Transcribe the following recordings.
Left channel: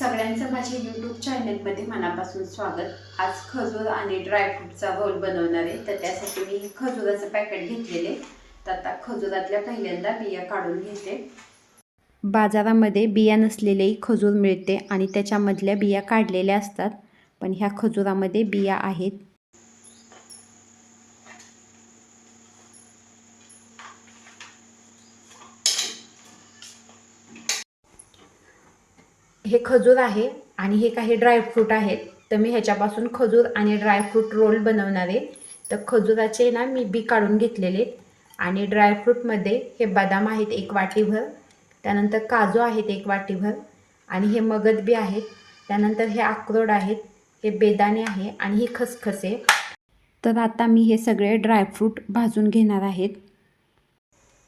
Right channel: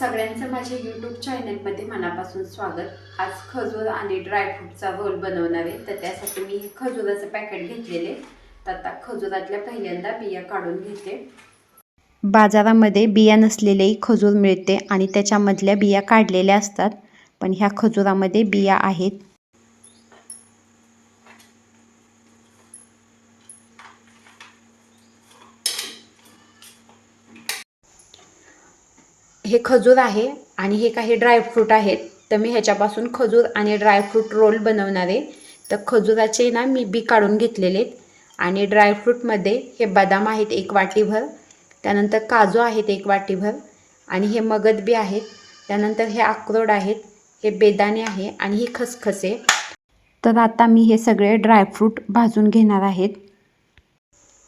सगळ्यांचं माझ्या यूट्यूब चॅनलमध्ये मनापासून स्वागत. आज खजूर आणि ड्रायफ्रूटचा रोल बनवणार आहे. तर त्यासाठी मी खजुराचं पॅकेट घेतलेले. तर आता खजुरातल्या पहिल्यांदा बिया काढून घेते. बाजारामध्ये बिया नसलेलेही खजूर मिळते आणि त्याच्यामधल्या बिया काढलेल्या असतात, पण ह्या खजुरामध्ये बिया आहेत. हे खजूर आहे आणि हे काही ड्रायफ्रूट आहेत. तर मी ह्याच्यापासून खजूर आणि ड्रायफ्रूट रोल बनवणार आहे. तर खजुराचे ना मी बी काढून घेतलेले आणि ड्रायफ्रूटमध्ये हे बदाम आहेत 1 वाटीभर, त्यानंतर काजू आहेत 1 वाटीभर आणि हे मगज बी आहेत, त्यानंतर हे अक्रोड आहेत, हे बेदाणे आहे आणि ही खसखसे. तर आता मी हे सगळे ड्रायफ्रूट भाजून घेणार आहेत.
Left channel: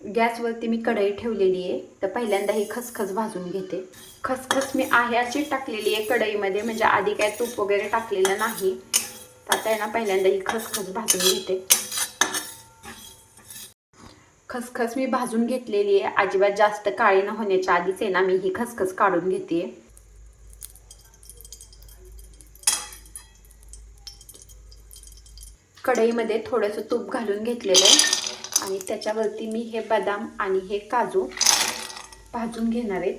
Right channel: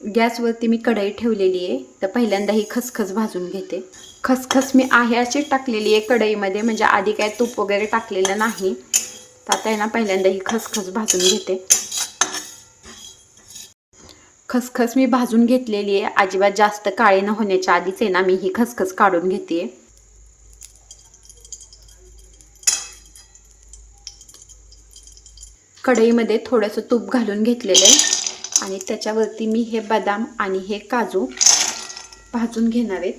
गॅसवरती मी कढई ठेवलेली आहे. तर पहिल्यांदा ही खसखस भाजून घेते. खसखस मी आहे अशी टाकलेली आहे कढईमध्ये, म्हणजे आधी काय तूप वगैरे टाकलेलं नाही. तर आता आहे ना पहिल्यांदा ही खसखस भाजून घेते. खसखस मी भाजून घेतलेली आहे. अजिबात जास्त काळी न होण्याच्या आधीच आहे ना मी ही खसखस काढून घेते. कढईमध्ये थोडंसं तूप घालून घेतलेलं आहे आणि त्याच्यावरती मी हे बदाम आणि हे काजू भाजून घेणार आहेत.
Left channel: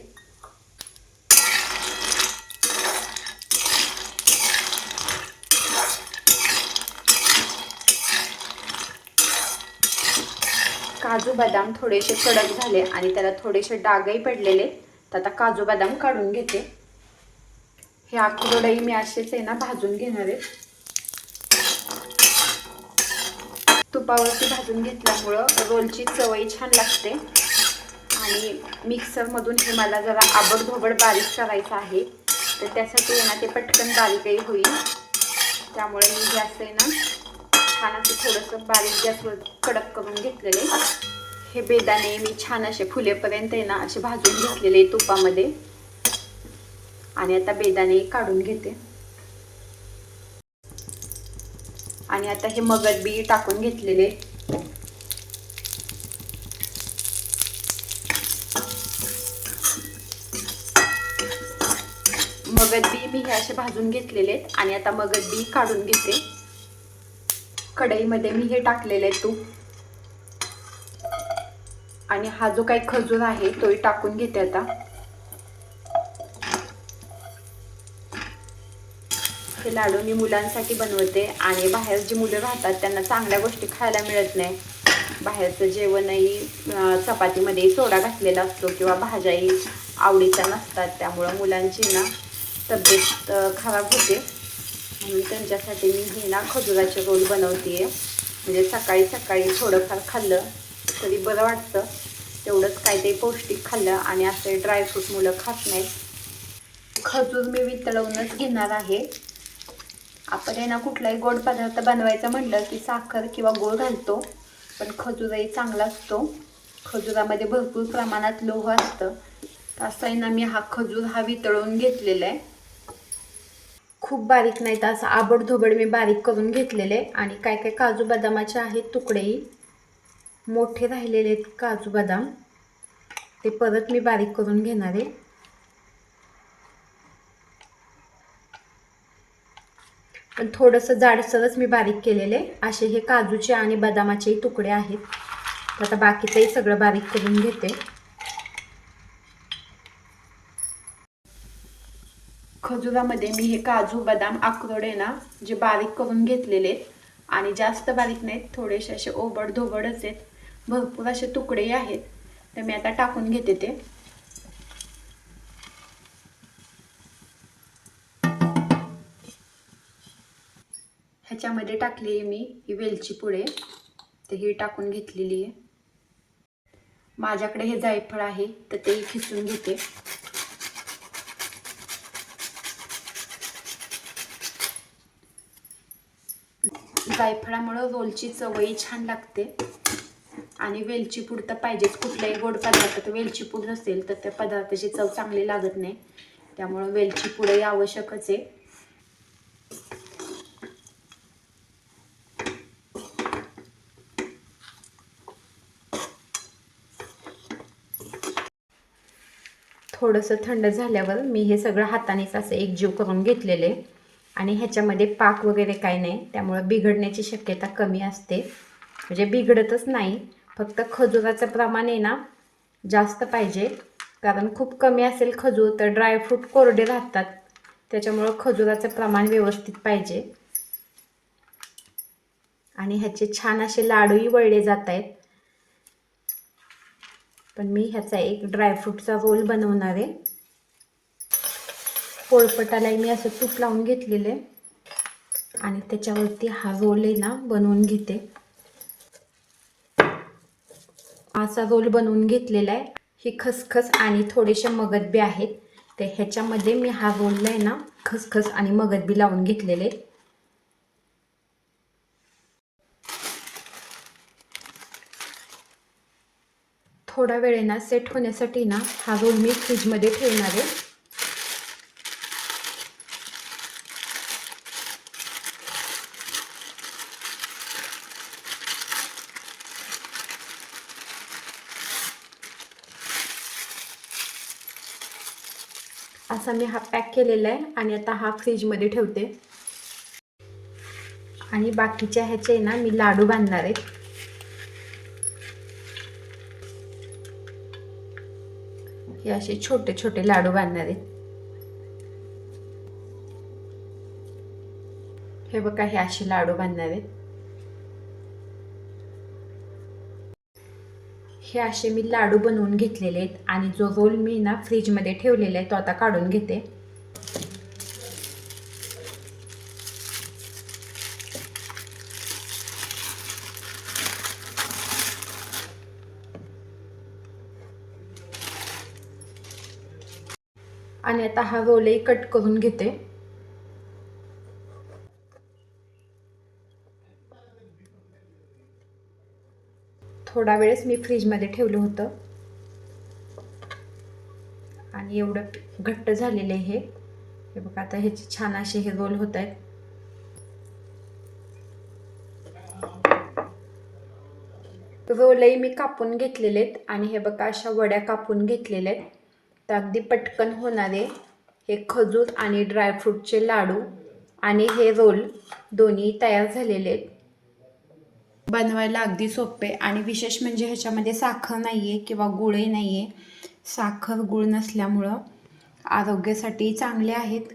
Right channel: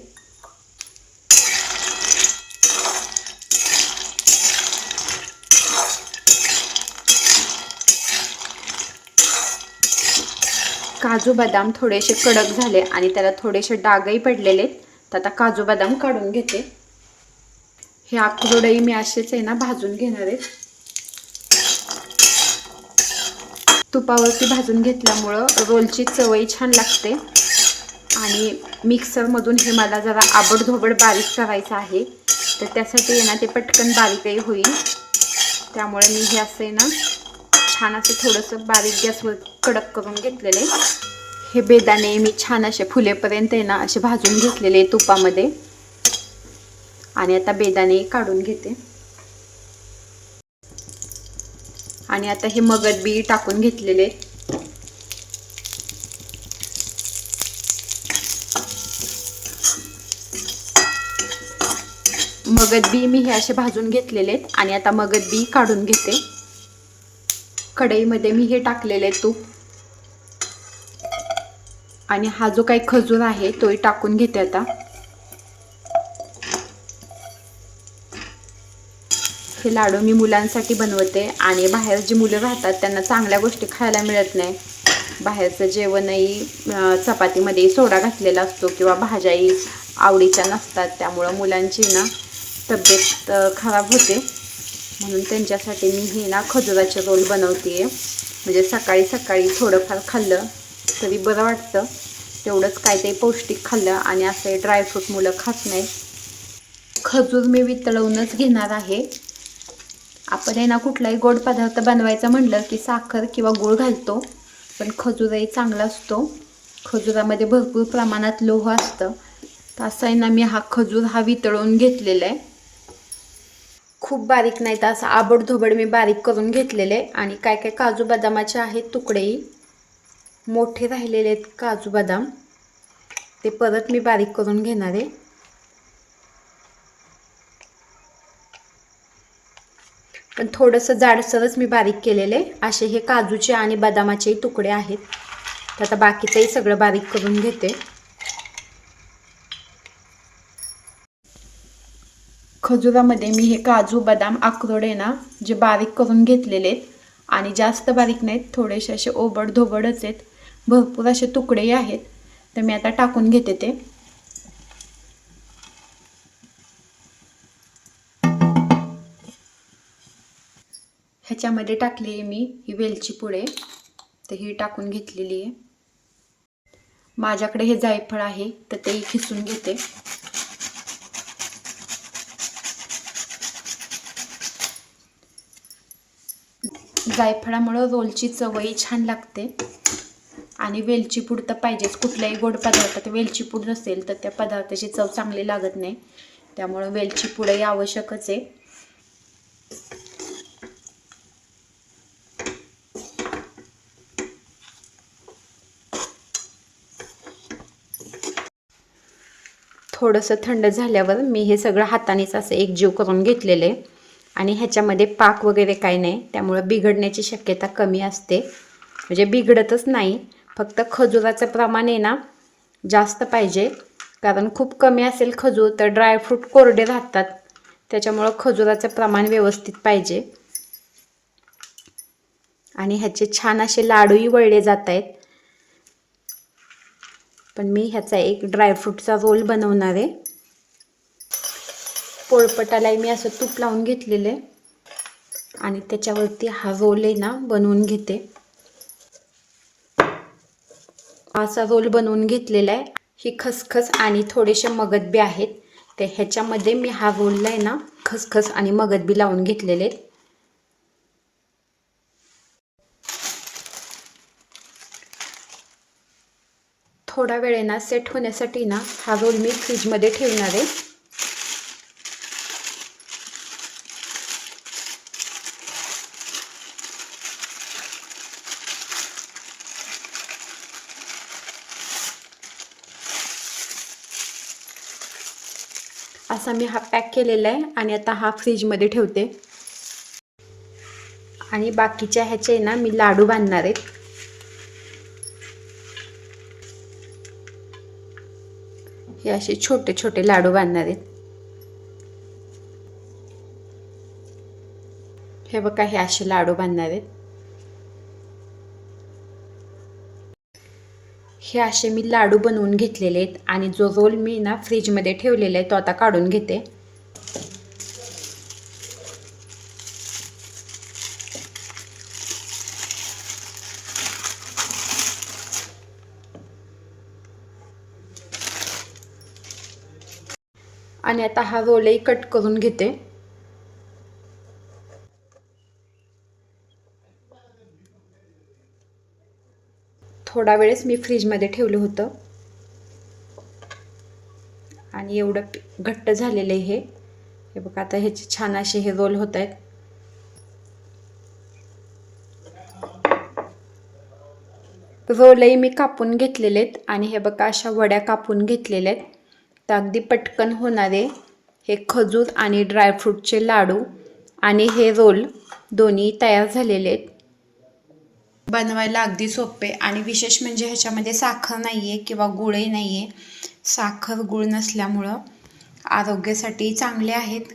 काजू बदाम थोडेसे कडक झाले आणि त्याला थोडेसे डागही पडलेले. तर आता काजू बदाम काढून घेते. हे अक्रोडही मी असेच आहे ना भाजून घेणार आहे. तुपावरती भाजून घेतल्यामुळं रोलची चवही छान लागते आणि मिक्सरमधून हे मला जरा आबडधोबड बारीक करायचं आहे. तर त्यासाठी आहे ना ते पटकन बारीकही होईल. त्यामुळे मी हे असं आहे ना छान असं थोडंसं बारीक गॅसवर कडक करून घेतलेले. हे बेदाणे मी छान असे फुलेपर्यंत आहे ना असे भाजून घेतलेले तुपामध्ये आणि आता बेदाणे काढून घेते. आणि आता हे मगज बी टाकून घेतलेले. मगज बी मी हे असे भाजून घेतलेले आणि आता मगज बी काढून घेते. कढईमध्ये मी हे टाकलेले तूप आणि हा जो काही खजूर आहे तोही टाकून घेते. आता हे लाडू मी मुलांसाठी बनवते आणि बाहेर जी मुलं राहतात त्यांना चांगल्या गोष्टी खायला मिळत नाही. बाहेरचं जेवणही चपातीमध्ये सोडा घातलेला असतो किंवा भाज्याही आवडीच्या नसतात. त्यामुळं मुलांची ना तब्येत खराब होते. म्हणून त्यांच्यासाठी मी हे ना खजुराचे रोल बनवते. म्हणजे सकाळी सकाळी थोडंफार खाल्लं तरी बरं वाटतं. तेवढंच काय ते पौष्टिक खाल्लं आणि असे ड्रायफ्रूट मुलं खात नाहीत. खजूर मी वितळवूनच घेणार आहे. आपण आहे ना कुठलाही गोड पदार्थ बनवायचा म्हणलं की साखर किंवा गूळ घालतो, पण खजूरही चांगला असतो. खजुरामध्ये भरपूर प्रमाणात लोह असतं. तर असं आहे ना मी हा खजूर वितळवून घेतलेला आहे. खूप बारीक नाही तर असं आबडधोबड मी बारीक करून घेतलेले. आणि काय काय काजू बदामाचे आहेत तुकडेही मोठे राहिलेले आहेत काजू बदाम, ते परत मी बारीक करून घेणार आहे. पण थोडंसं जाडसरच मी बारीक केलेले असे हे काजूचे आणि बदामाचे तुकडे आहेत. तर आता बाकीचंही सगळं बारीक करून घेते. खजुरामध्ये मी हे काजू बदाम अक्रोड आहे ना जे बारीक करून घेतलेले आहेत आणि जास्त बारीक नाहीत, थोडेसे असे ओबडधोबडच आहेत. भरपूर असे तुकडेही आहेत. तर मी आता टाकून घेते ते. ह्याच्यामध्ये टाकली आहे मी ही वेलची पुडे, तर ही टाकून घेतलेली आहे. माझ्याकडे हे जायफळ आहे तर तेही खिसून घेते. जायफळामुळे रोलची चवही छान लागते आणि वेलची पूड तर पाहिजेच. कुठल्याही गोड पदार्थात वेलची पूड नसेल तर त्या पदार्थाची चव चांगली लागत नाही. त्यामुळे वेलची पूडही आवश्यकच आहे. थोडंसं थंड झाल्यावर मी हे सगळं हातानेच असं एकजीव करून घेतलेलं आहे आणि ह्याच्यामध्ये पाक वगैरे काही नाही, त्यामुळं बिघडण्याची शक्यता कमी असते. म्हणजे बिघडतच नाही, फक्त खजुराचं प्रमाण आहे ना जास्त पाहिजे, कारण खूप कमी असेल खजूर तर ड्रायफ्रूट कोरडे राहतात, त्याच्यामुळं खजुराचं प्रमाण व्यवस्थित पाहिजे. आणि ह्याचे छान असे लाडूही वळले जात आहेत. पण मी ह्याचा एक ड्रायफ्रूटचा रोल बनवणार आहे. पोळपटालाही मी असं तूप लावून घेतलेलं आहे आणि त्याच्यावरती हा रोल आहे ना बनवून घेते. असा रोल बनवून घेतलेला आहे. ही खसखस आणि थोडेसे मगज बी आहेत, ते ह्याच्यामध्ये मी हा रोलला आहे ना खसखस आणि मगज बी लावून घेतलेले आहेत. थोडा वेळेना सेट होण्यासाठी ना हा रोल मी फ्रीजमध्ये ठेवणार आहे. असा मी हा पॅक केलेला आहे आणि आता हा फ्रीजमध्ये ठेवते. आणि बाकीच्या ह्याचे ना मी लाडू बांधणार आहेत. हे असे छोटे छोटे लाडू बांधणार आहेत. हे बघा, हे असे लाडू बांधणार आहेत. हे असे मी लाडू बनवून घेतलेले आहेत आणि जो रोल मी ना फ्रीजमध्ये ठेवलेला आहे तो आता काढून घेते. आणि आता हा रोलही कट करून घेते. थोडा वेळच मी फ्रीजमध्ये ठेवलं होतं आणि एवढं घट्ट झालेलं आहे हे बघा. आता ह्याचे छान असे हे रोल होत आहेत. रोलही मी कापून घेतलेले आहेत आणि हे बघा अशा वड्या कापून घेतलेल्या आहेत. तर अगदी पटकन होणारे हे खजूर आणि ड्रायफ्रूटचे लाडू आणि हे रोल दोन्ही तयार झालेले आहेत. बनवायला अगदी सोपे आणि विशेष म्हणजे ह्याच्यामध्ये साखर नाही आहे किंवा गुळही नाही आहे. साखर गुळ नसल्यामुळं आरोग्यासाठी चांगले आहेत